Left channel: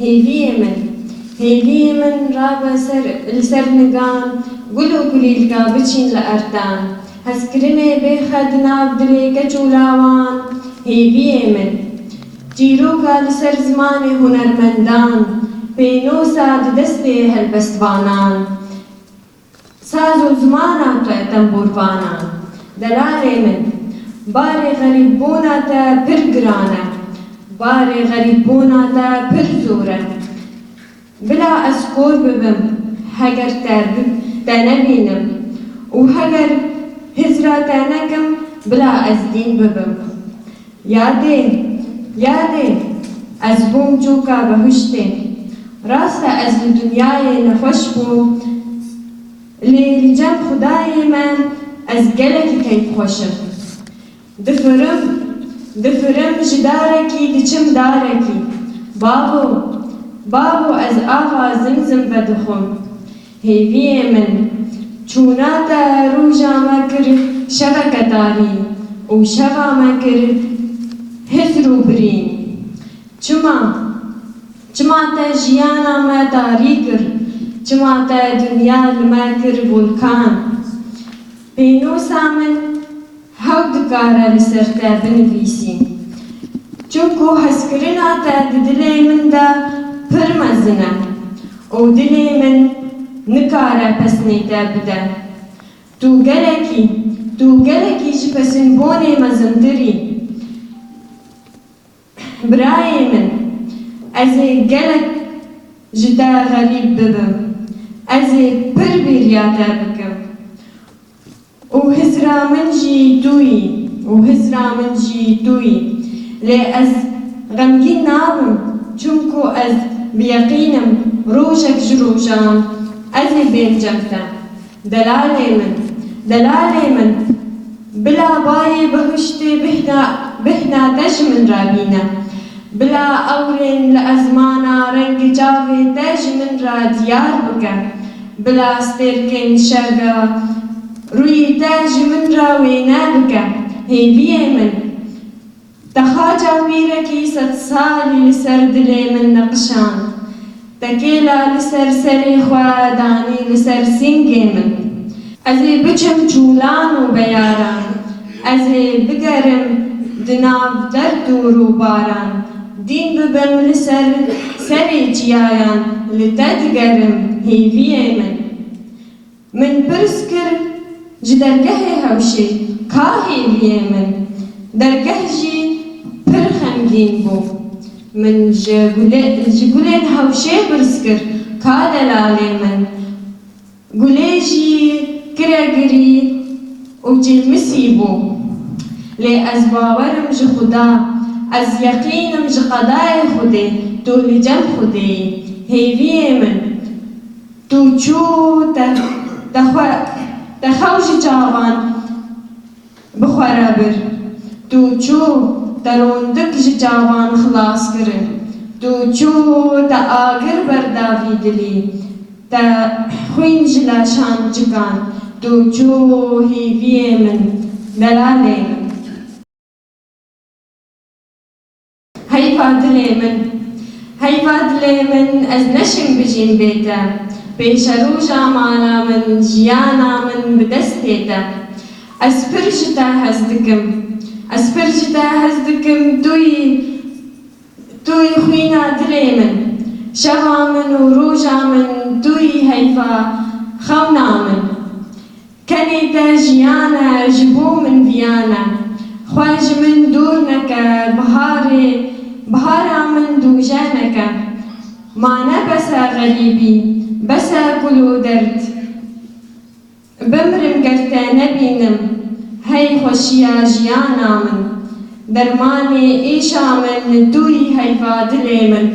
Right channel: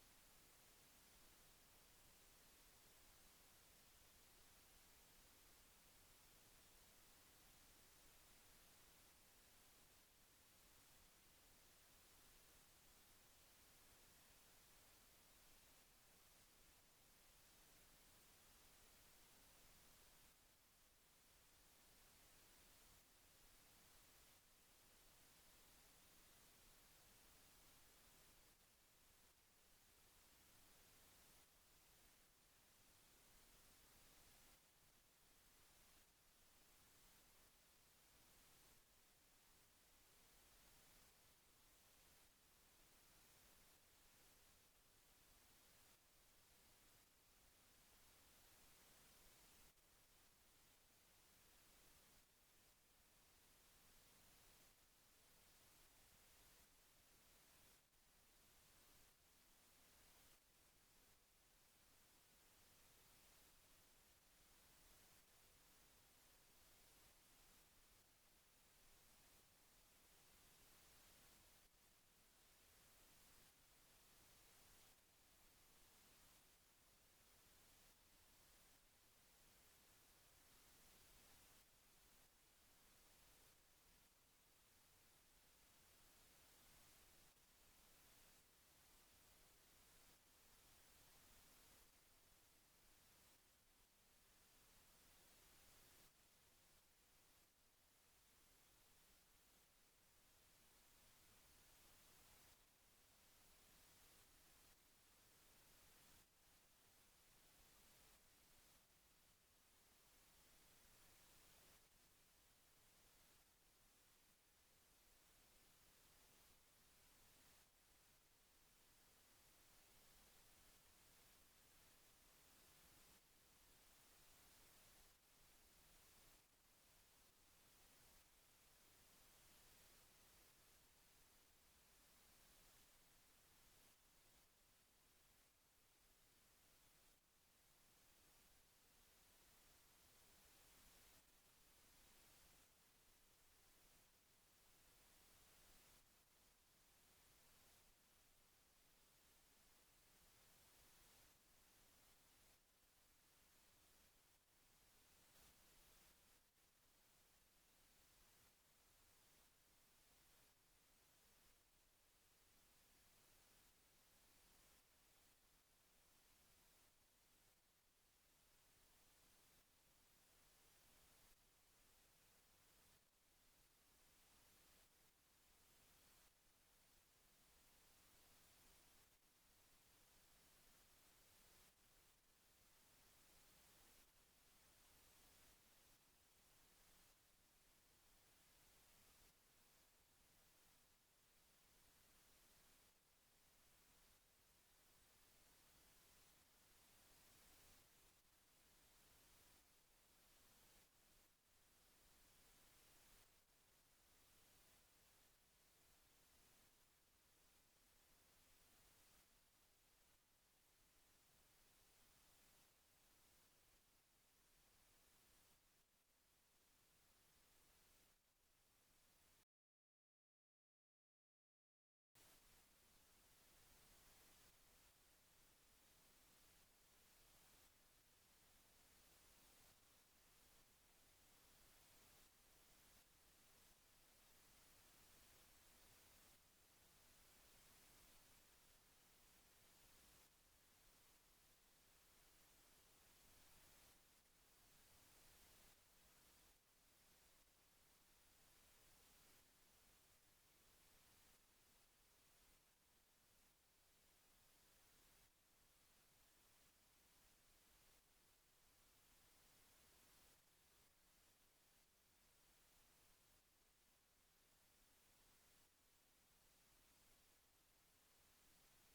هێویێ من ڕابە لەسەر نگان گول و گولیلکە بچین لە ئەردان هەستکردنێ بێخەد ناو دلێ گەج و لاوان هێویێ من چیرۆکە لەسەر زمانی هونەرمەندان پێنۆسە دەستێ هەلبەستوانان ساز و زماناتە تەمبورڤانان دەلالێ من بارێ غەریببووناتە پر گرانە بارێ غەریببووناتە پر زۆرە بلا ئەس کۆر ببم هەگەر تە نەبینم و هەگەر هزرا تە نەکەم بلا ئەس دین ببم یادێ ئەس بووم چووکە بەهشتێ ڕاستە ئەس لە دونیایێ نەخۆش بوو لێ جەم خودایێ من ئەس گەلێکی کەیفخۆشم دفرم ji darekî diçim darekî babo ez ava zimzim vedixwim hêviyê min çûna te rûja me kir şeveke darî û şeva me kir hizr û birîn çima te jiyana me darî kir çima te dunya li me kir volkan pênûsa min hew dikare li ser te binivîsî çunku hezkirina te di dilê min de pir mezin e û dilê min nikare pesnê te bide tu gelekî ji pesînbûnê mezintirî birayê min ez ê gelek ji te xerîb bibim ez ê pir bêriya te bikim û hizra min jî tûyî lê ez xemgîn nabim çunku ez biyeqînim rojek ji rojan ez ê bêncem te delalê min bila bayê bihiştê bihna te ji min re bîne bila ewrên li ezmana rengê çavê te ji min re diyar bike bila stêrkên şeva rûyê te ji min re wêne bike hêviyê min te xaca wîrekî sed salî li ser dilê min neqişand te kêla li ser serê xwe danî li ser sîngê min ez ê biçim çûlan û beyaran ez ê bigerim di nav derd û rûbaran dîn bibim li ser serê çiyayan li te digerim hêviyê min pirs kir ji dergehê hewşê ka hêviyê min dergeh jî pir xemgîn bû min ji gulên hewşê pirs kir ka delalê min gulê jî kire girî û cilmisî bû lê ez bawerim ji xuda ez yeqînim ji qedayê xudê tu li cem xudeyî hêviyê min tu çû te xew ji çavan bixwere bir tu çû te rondik ji çavan xilas kirin tu çû te agir berdavî dilî te xwîn ji leşan cikan tu çû hêviyê min delalê min heyva dilê min ez neşim bijîm bê te pêşe rûja mala min jiyana min bi destê te ez pir ji te hez dikim tûyî xwîna dilê min şeva min û rûja min tûyî heyva xewna min kenê te jiyan e ji bo min viyan e xwe ji min dûr neke bihara min dûje neke ma ne bes e xerîbî bes e gul û derd bimirim ger te nebînim hey xweşiya jiyana min dermanê êşa min tûyî heyva dilê min